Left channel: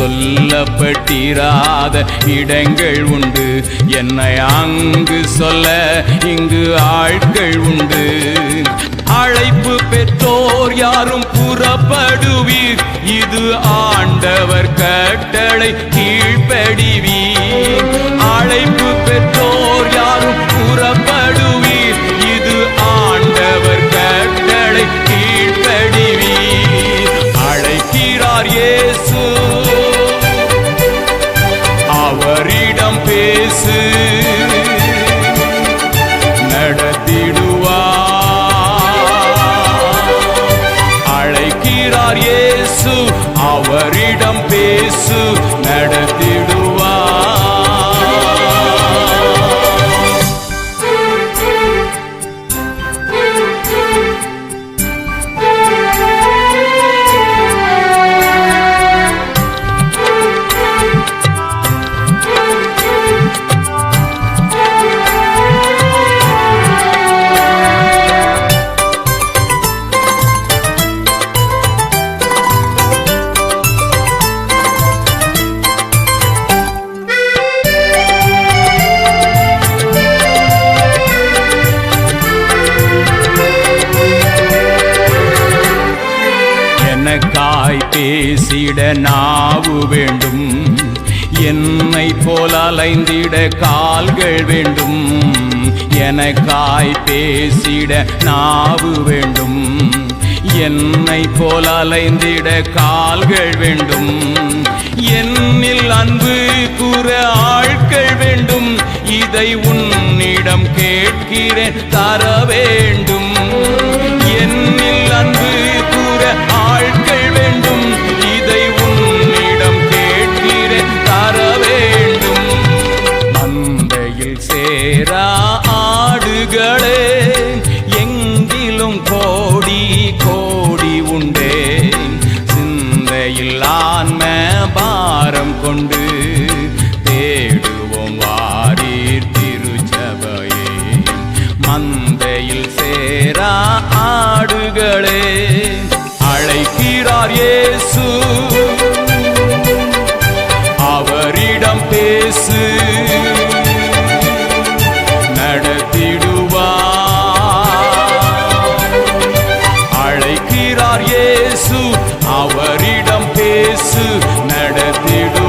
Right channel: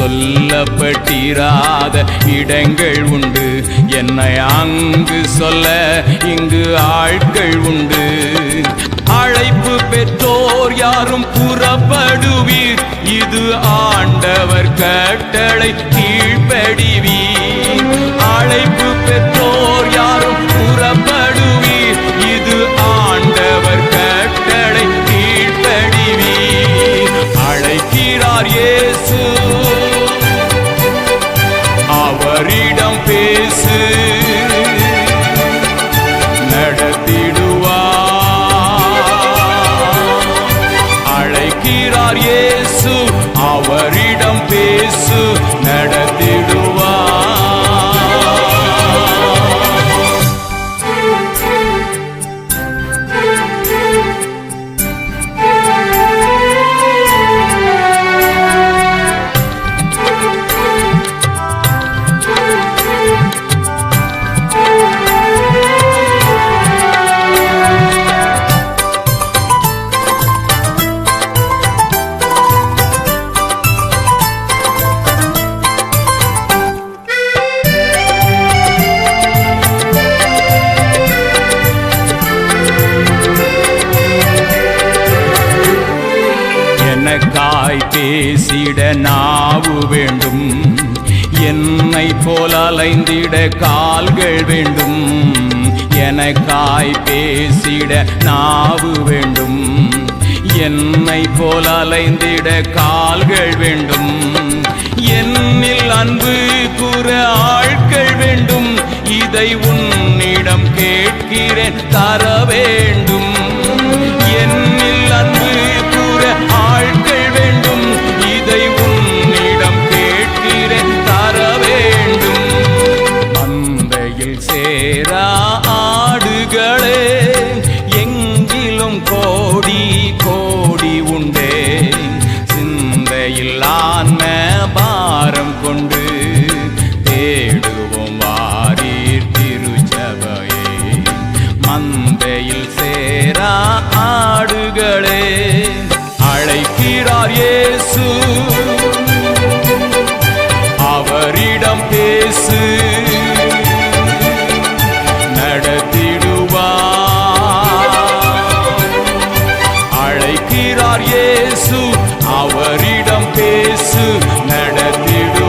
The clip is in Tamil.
சொல்லப்பட்டிராத இடங்கள் உண்டு. என்னை அங்கு சொல்ல இங்கு ஆட்கள் உண்டு. அழைப்பு பெற்றோர் யாரும் புறப்படுவீர், இது ஆண்டவர் கட்டளை கீழ்ப்படிவீர். அழைப்பு பெற்றோர் யாரும் புறப்படுவீர், இது ஆண்டவர் கட்டளை கீழ்ப்படிவீர். அழைக்கிறார் இயேசு, அவரிடம் பேசு, நடத்திடுவார். அழைக்கிறார் இயேசு, அவரிடம் பேசு, நடத்திடுவார். எனக்காய் பேசிட நாவு வேண்டும், என்னை போல் அலைந்திட கால்கள் வேண்டும். எனக்காய் பேசிட நாவு வேண்டும், என்னை போல் அலைந்திட கால்கள் வேண்டும். என்னில் அன்பு கூற ஆட்கள் வேண்டும், இதை உன்னிடம் கேட்கிறேன் தர வேண்டும். என்னில் அன்பு கூற ஆட்கள் வேண்டும், இதை உன்னிடம் கேட்கிறேன் தர வேண்டும். மந்தையில் சேரா ஆடுகளே, எங்கிலும் கோடி கோடி உண்டே. சிந்தையில் ஆன்ம பாரம் கொண்டு தேடுவோம் வாரீர் திருச்சபையே. மந்தையில் சேரா ஆடுகளே, அழைக்கிறார் இயேசு, அவரிடம் பேசு, நடத்திடுவார். அழைக்கிறார் இயேசு, அவரிடம் பேசு, நடத்திடுவார்.